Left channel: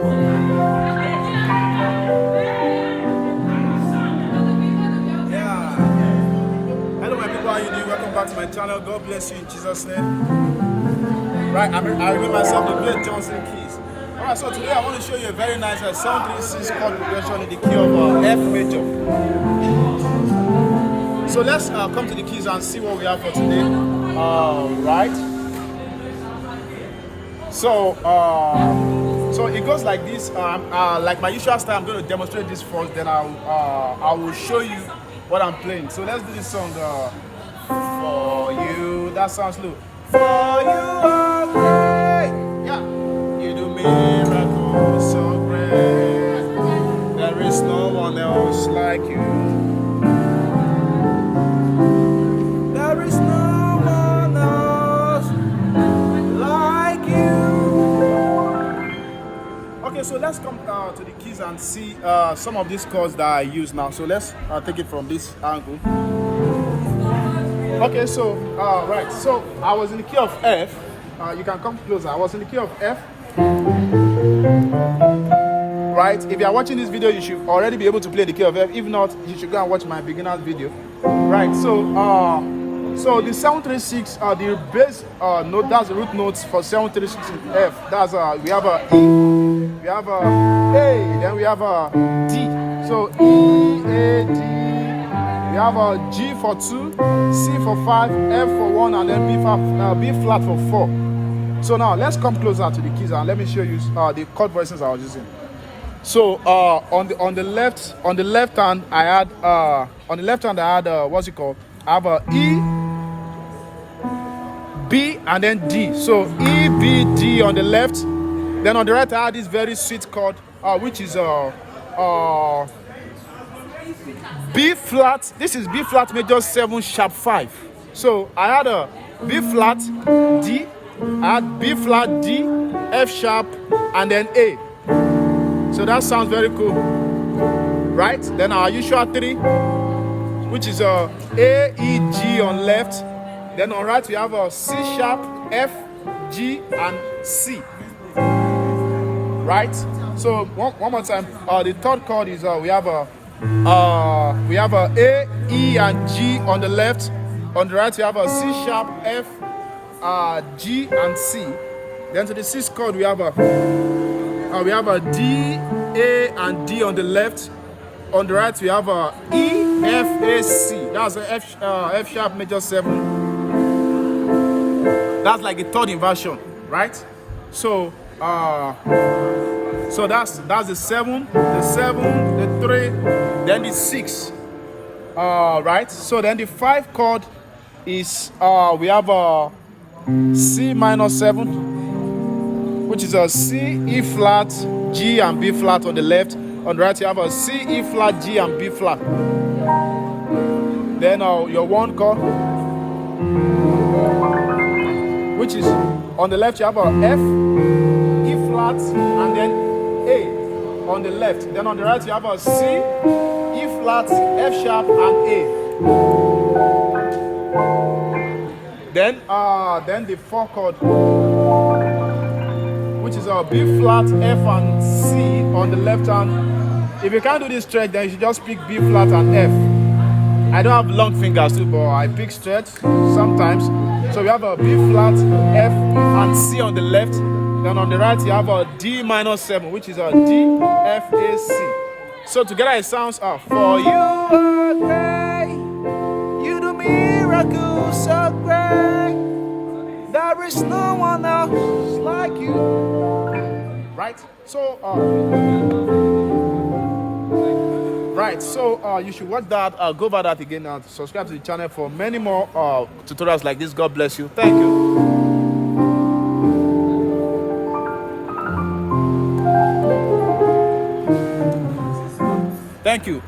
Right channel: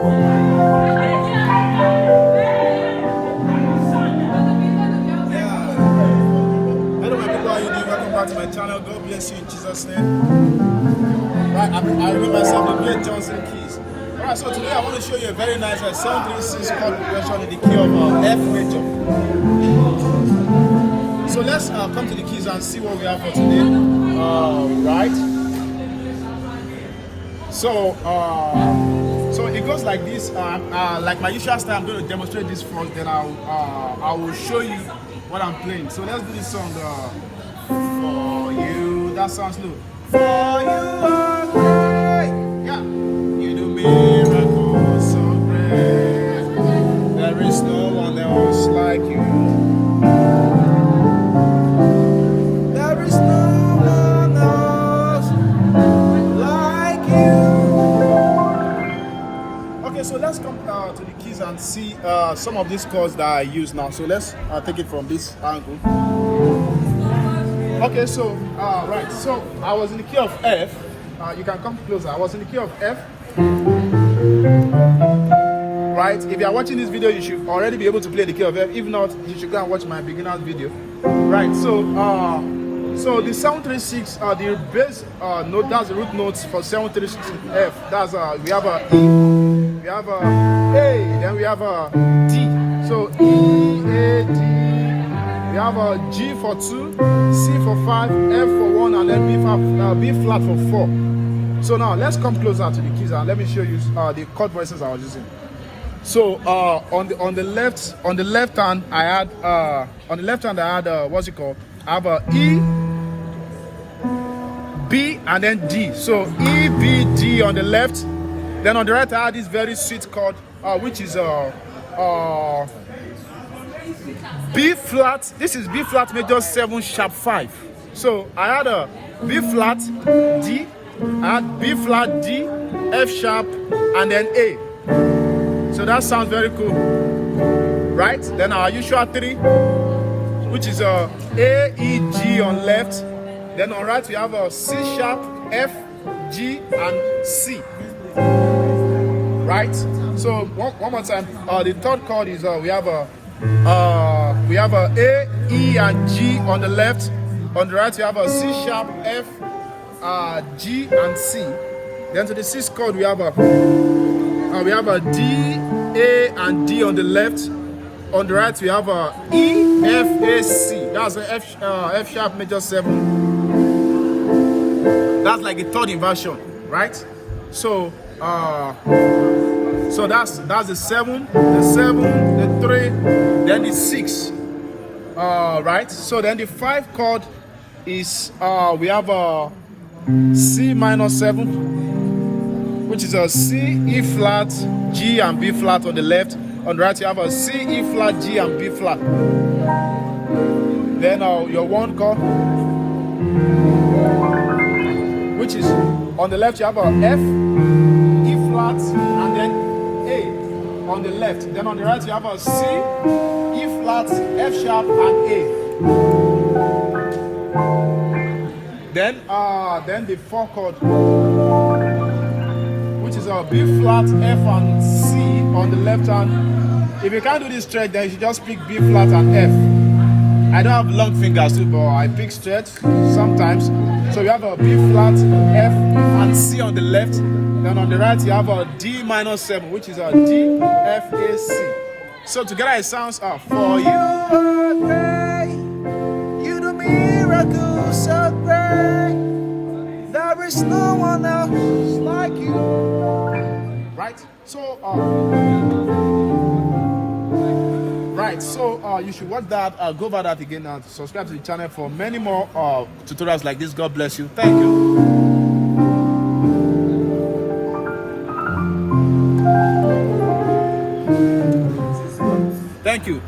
Hello, my people. How you doing? Welcome back to my channel. God bless you in Jesus' name. Right, I remember myself to play Johnsonkeyz. Alright, so today I want to show you a very nice 736 chord progression in the key of F major. So let's come to the keys and see what we have for today. Right. So it goes like this. Like my usual style, I'm going to demonstrate this first, then I will show you what I'm playing. So let's do this song. For you, that sounds low. For you are great, yeah. You do miracles so great. There is no one else like you. There is no one else like you. Okay, so let's come to the keys and see some of these chords that I use now. So let's take it from this angle. Okay, so right, so I was in the key of F. You can come closer. I was in the key of F. Right, if you are watching this video, you should already be able to play the key of F. If not, you should go and watch my beginner's video. Right, so the 736 the bass note, that's the root notes for 736 F. That's we have a E, we have a A, then we have a D. So E, A, D. We have a G for 2, C for 5, F for 1, and then B flat for 4. So now let's come closer to the keys and let me show you the chord voicings I was using. So on the left hand I had what's it called? I have a E, B, and then D. So E, B, D on the left. Then on the right I had this very sweet chord, which is B flat. This is B flat major 7 sharp 5. So I had a B flat D, I had B flat D, F sharp, and then A. So that sounds very cool, right? Then our usual 3, which is A, E, G on left. Then on right we have a C sharp, F, G, and C. Right? So one more time. The third chord is we have a A, E, and G on the left. On the right we have a C sharp, F, G, and C. Then to the sixth chord we have a D, A, and D on the left. On the right we have a E, F, A, C. That's an F sharp major 7. That's like a third inversion, right? So so that's the 7, the 3, then the 6. Right? So then the 5 chord is we have a C minor 7, which is a C, E flat, G, and B flat on the left. On the right you have a C, E flat, G, and B flat. Then your 1 chord, which is on the left you have a F, E flat, and then A on the left. Then on the right you have a C, E flat, F sharp, and A. Then the 4 chord, which is a B flat, F, and C on the left hand. If you can't do this stretch, then you should just pick B flat and F. I don't have long fingers too, but I pick stretch sometimes. So we have a B flat, F, and C on the left. Then on the right you have a D minor 7, which is a D, F, A, C. So together it sounds for you are great, you do miracles so great. There is no one else like you. Right? So you should watch that. Go over that again and subscribe to the channel for many more tutorials like this. God bless you. Thank you. Thank you.